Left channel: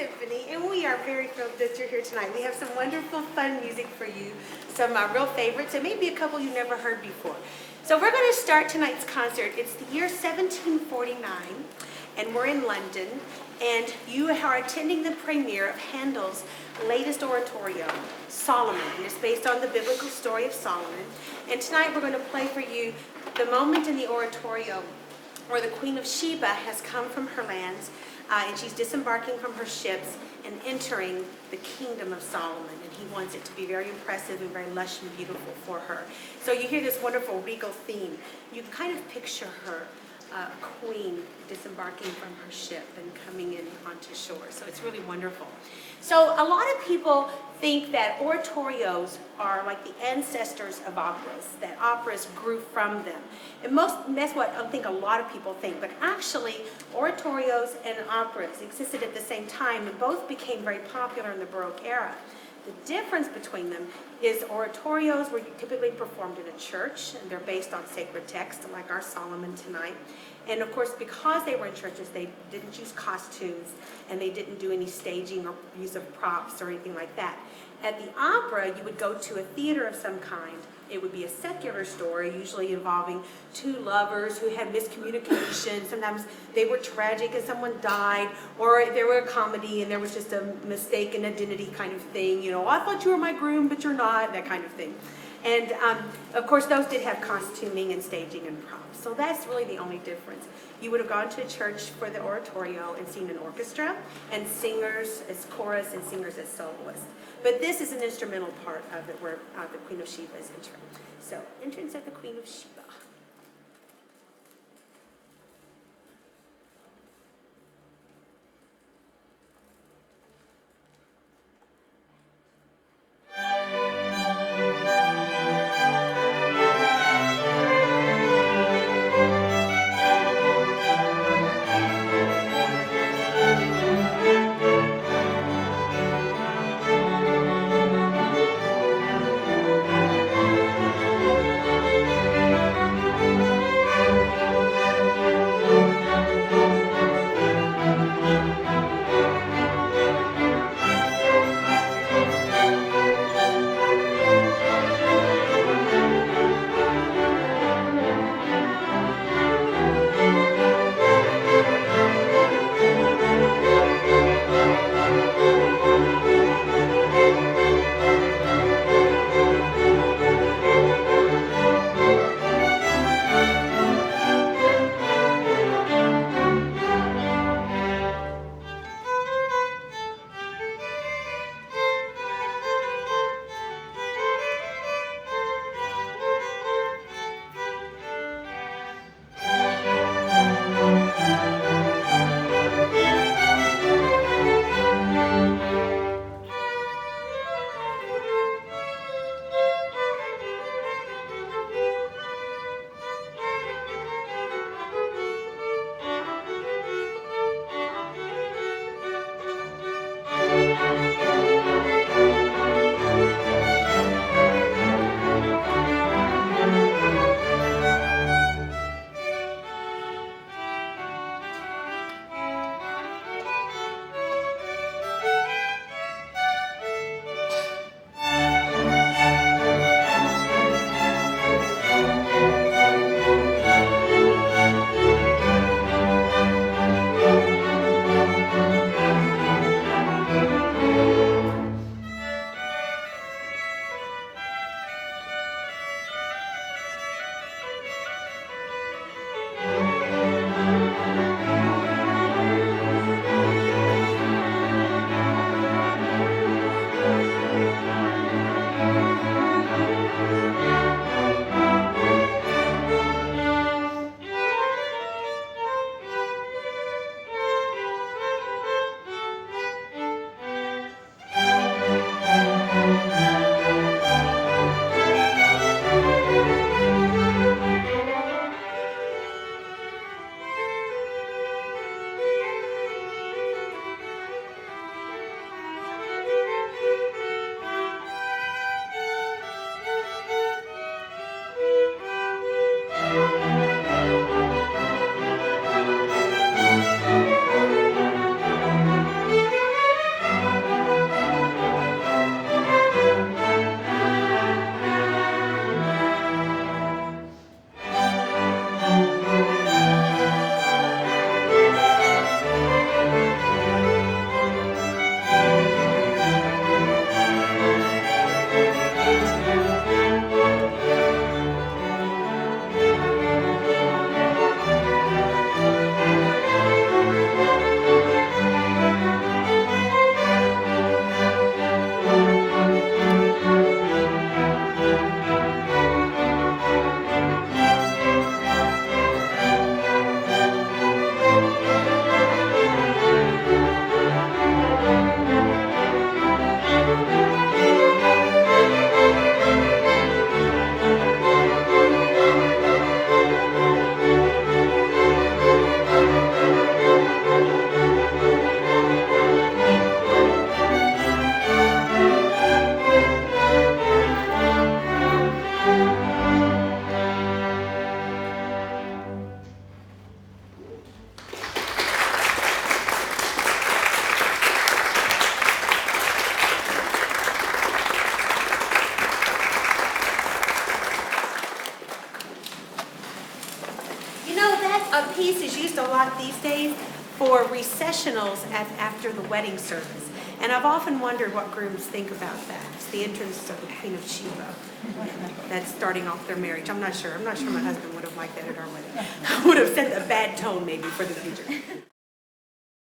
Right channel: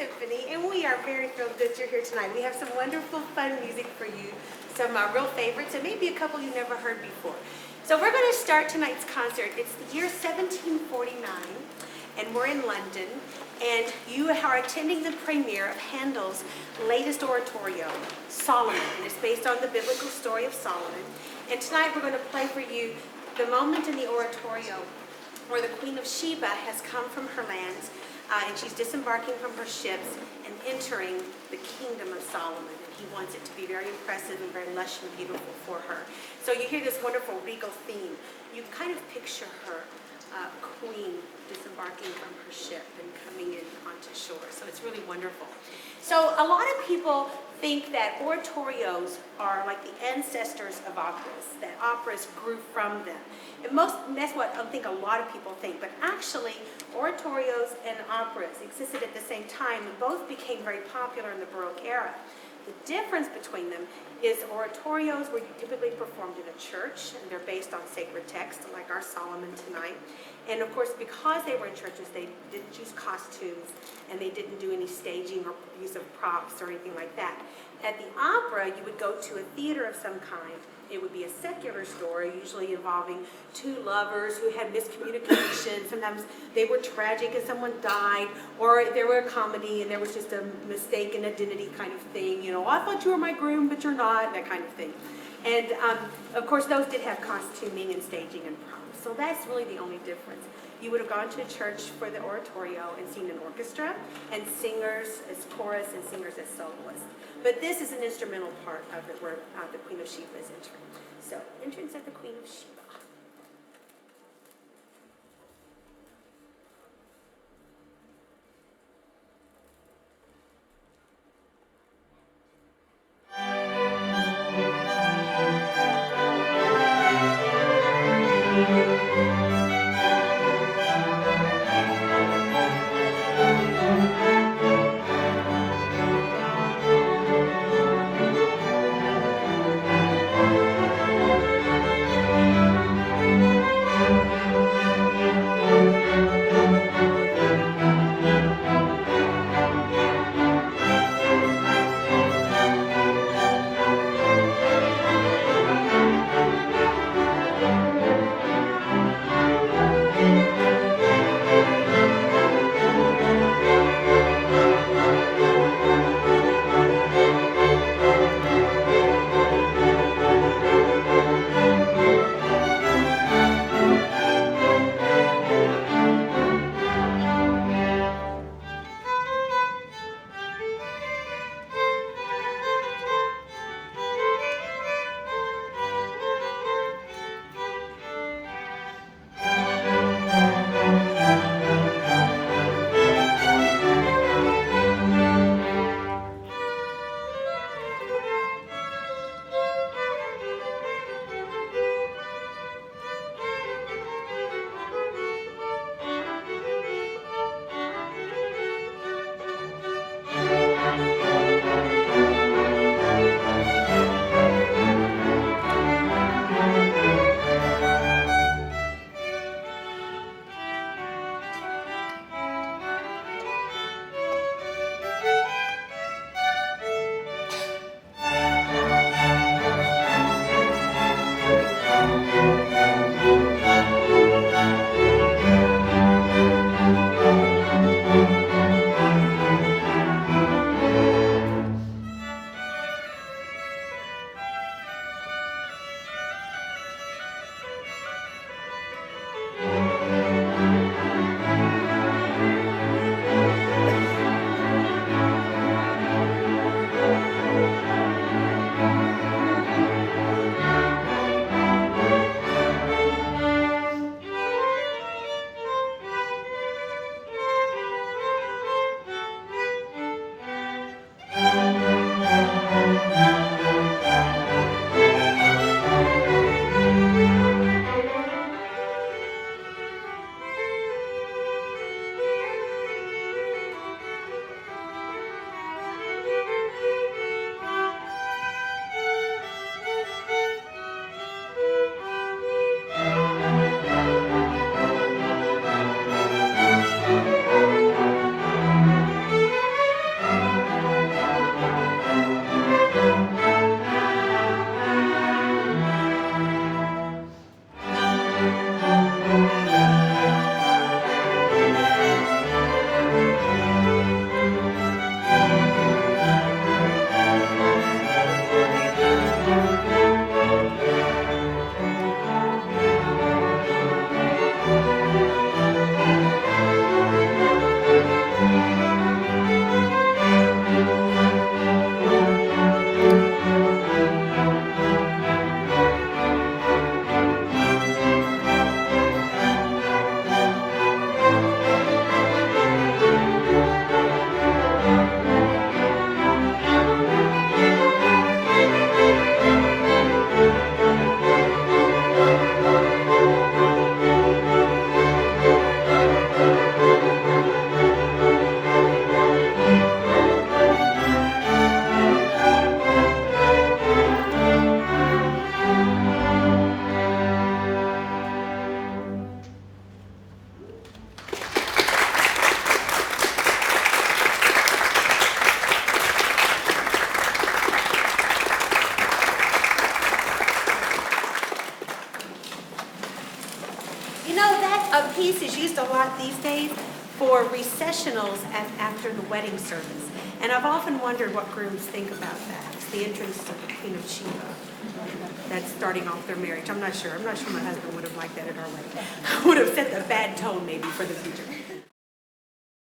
Tiffany, and we are very thrilled that you're here tonight. We have some wonderful, fun music for you, some real favorites, and maybe a couple you've never heard before. So we're going to start tonight's concert. It's the year 1749, and we're in London, and you are attending the premiere of Handel's latest oratorio, Solomon, and it's based on the biblical story of Solomon. And tonight we're going to play for you the moment in the oratorio where the Queen of Sheba has come from her lands, and she's disembarking from her ships and entering the kingdom of Solomon. And he wants it to be very impressive and very lush and beautiful for her. So you hear this wonderful regal theme. You can kind of picture her queen disembarking from her ship and coming in onto shore. So it's really wonderful. So a lot of people think that oratorios are like the ancestors of operas, that operas grew from them. And that's what I think a lot of people think. But actually, oratorios and operas existed at the same time, and both became very popular in the Baroque era. The difference between them is oratorios were typically performed in a church, and they're based on sacred texts, like our Solomon tonight. And of course, because they were in churches, they didn't use costumes, and they didn't do any staging or use of props or anything like that. At the opera, you would go to a theater of some kind. It would be a secular story, usually involving two lovers who had miscommunication. Sometimes they were tragic and someone died, or there were a comedy and there was just a mistaken identity kind of thing. You know, I thought you were my groom, but you're not, that kind of thing. And of course, those did have costuming and staging and props. So that's really the only difference. You would have gone to a church for the oratorio and seen an orchestra and singers as chorus and singers as soloists. But this is an instrumental part of it where the Queen of Sheba is entering. So, entrance of the Queen of Sheba. piece is used a lot these days for recessionals after the wedding service. And I've often wondered what grooms think about that. It's the entrance of the Queen of Sheba. That's starting off their marriage. I'm not sure. I'm not sure my husband would have liked that at our wedding. Would have set a bad tone maybe for the future.